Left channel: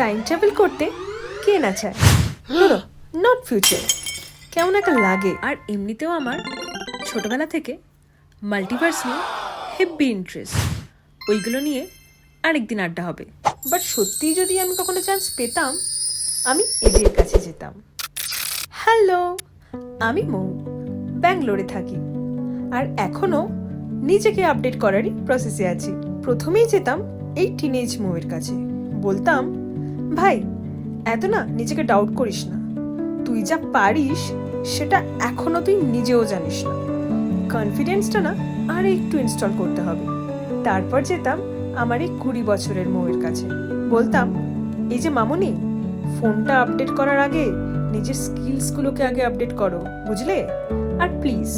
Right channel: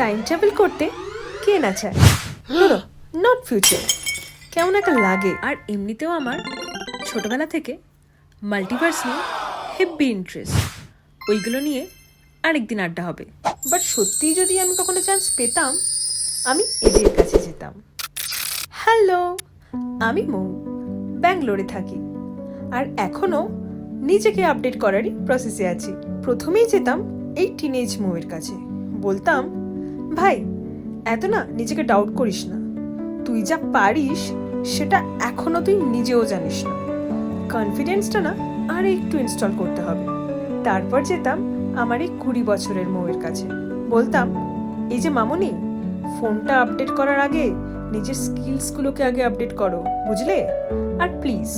Time travel করতে কে না চায়? Not future. কেমন একটা লাগে। আর এমনিতেও আমার ছোটবেলা থেকে মাল্টিভার্স নিয়ে হেভি ইন্টারেস্ট। ওইগুলো নিয়ে আরেকদিন আড্ডা হবে। বাট সত্যিই যদি আমি কখনো চান্স পেতাম, আমি এদের কাছে যেতাম। হ্যালো, আমি মৌ, ব্যাঙ্গালোরে থাকি। আর এখনও নিজেকে আপডেট করারই প্রসেসে আছি। প্রথমেই যেতাম এই টিনেজ মৌয়ের কাছে, বলতাম, ভাই এত না নিজেকে ডাউট করিস না, তুই যা পারিস সেটা এখনো তুই নিজেও জানিস না, কনফিডেন্সটা না আর একটু ইনস্টল করতে হবে। তারপর যেতাম আমার এই 20 বছরের মৌয়ের কাছে, বলতাম, এই যে মামুনি, ফোনটা আপডেট করার আগে নিজের স্কিলসগুলোকে আগে আপডেট করো, বুঝলে? আর প্লিজ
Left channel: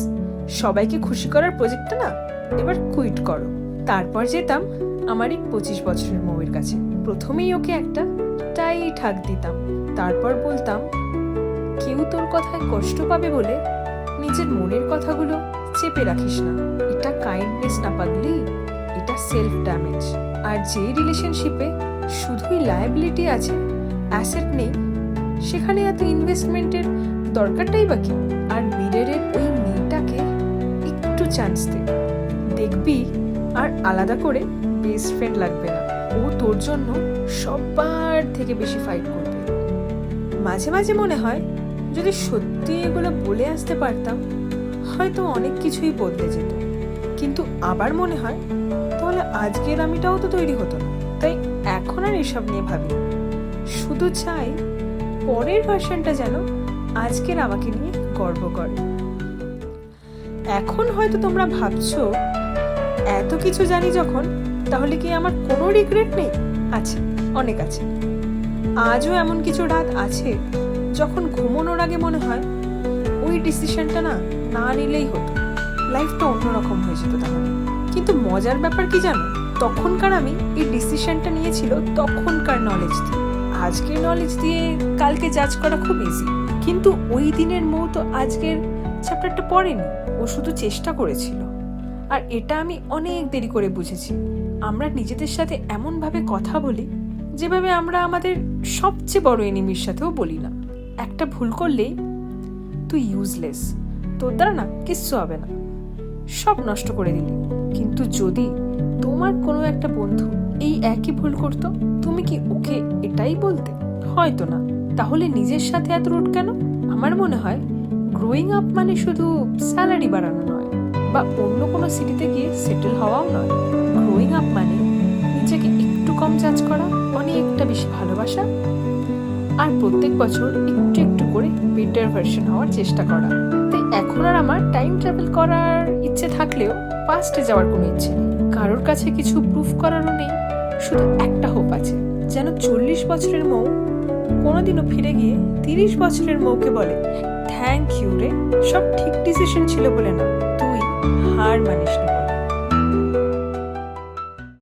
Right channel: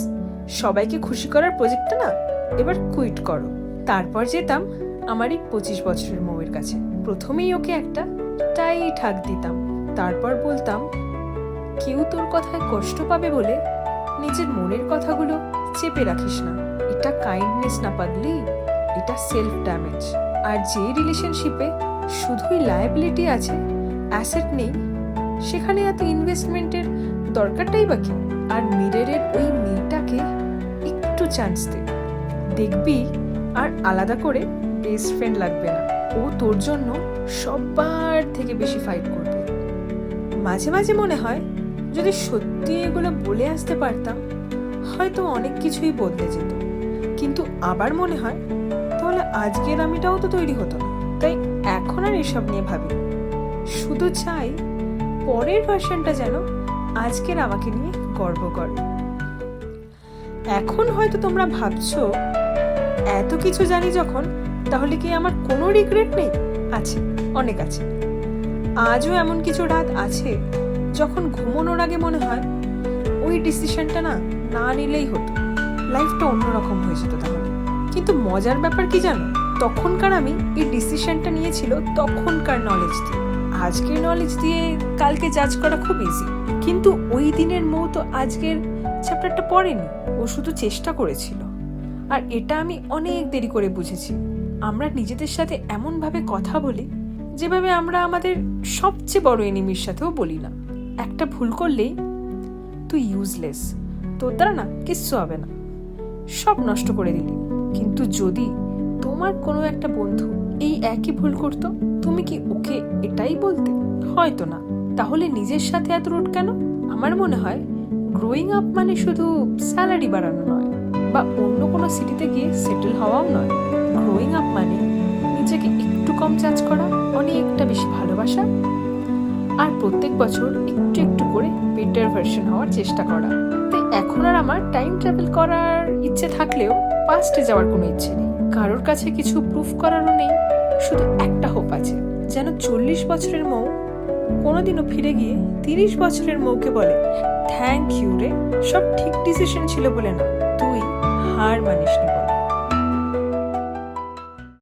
সবাইকে খুশি করার প্রজেক্টটা না এবার কুইট করো। তারপর যেতাম আমার এই 25 বছরের মৌয়ের কাছে, প্রথমেই ওকে একটা টাইট হাগ দিতাম। তারপর বলতাম, কেউ তোর কথায় কষ্ট পাবে বলে নিজের মনের কথাগুলো চেপে রাখিস না, এটা কাইন্ডনেস না পাগলি, এটা সেলফ ড্যামেজ। আর যে রিলেশনশিপে শুধুই লায়াবিলিটি আছে, অ্যাসেট নেই, সেখানে এত ইনভেস্টমেন্টের দরকারটাই বা কি? আর মিররের ওই মেয়েটাকে একটু চান্স দে, দেখবি আর আলাদা করে বেস্ট ফ্রেন্ড লাগবে না। ও তোর জন্য সবার থেকে বেশি ফাইট করবে। মাঝে মাঝে মনে হয় যদি সত্যি এগুলো বলে আসতে পারতাম, হয়তো অনেক কিছুই বদলে যেত। কিন্তু আবার মনে হয় তাহলে আজকের আমিটাও তো তৈরি হতো না। তাই এখন আর এসব নিয়ে ভাবি না, শুধু চাই পরের ভার্সনটা যেন আজকের আমাকে নিয়ে গর্ব করে। এখন হয়তো তোমরা ভাবছো, এত কিছু জানি যখন, তাহলে কি আমার কোনো রিগ্রেট নেই? আছে, অনেক আছে। আজও এমন কিছু রাত আছে যখন ঘুমানোর আগে মনে হয় ওই ডিসিশনটা না নিলেই হতো, লাইফটা অন্যরকম হয়ে যেত তাহলে। কিন্তু মজার ব্যাপার কি জানো, তখনকার আমি এই ডিসিশনটা নিয়েছিল তখনকার নলেজ দিয়ে। আজকের নলেজ দিয়ে কালকে জাজ করা খুব ইজি, কিন্তু ওই দিনের মৌ তো আজকের চ্যাপ্টারটা পড়েনি, ও শুধু চেষ্টা করেছিল। আর এটা আমি অনেক দেরি করে বুঝেছি। আমরা নিজেদের সাথে এমনভাবে কথা বলি যেভাবে আমরা আমাদের সবচেয়ে বড় এনিমির সাথেও বলি না। একটা ভুল করলেই তুই ইউজলেস, তোর দ্বারা না কিচ্ছু হবে না, সব নষ্ট করে দিলি। কিন্তু যদি তোমার কোনো একটা বন্ধু এই একই ভুল করতো, তুমি কি ওকে এটাই বলতে? হয়তো না। তাহলে নিজের সাথে এত রুট কেন? আমার মনে হয় গ্রোয়িং আপ মানে শুধু স্যালারি বাড়ানো নয়, বা অন্য কোনো সিটিতে গিয়ে সেটেল হওয়াও নয়। গ্রোয়িং আপ মানে নিজেকে একটু কম জাজ করা, অনেকটা বেশি ভালোবাসা, আর প্রত্যেক বছর একটু একটু করে বেটার ভার্সন হওয়ার চেষ্টা করা। তাই এখন আর আমার টাইম ট্রাভেল করার ইচ্ছে থাকলেও পাস্টে যাওয়ার কোনো ইচ্ছে নেই, কারোর কাছে কিছু প্রুফ করারও নেই। শুধু একটা হোপ আছে, যেন 40 বছরের মৌ কোনোদিনও ফিরে গিয়ে 30 বছরের মৌকে বলে, থ্যাংক ইউ রে, সব ঠিক ডিসিশন ছিল বলে না, তুই হার মানিসনি।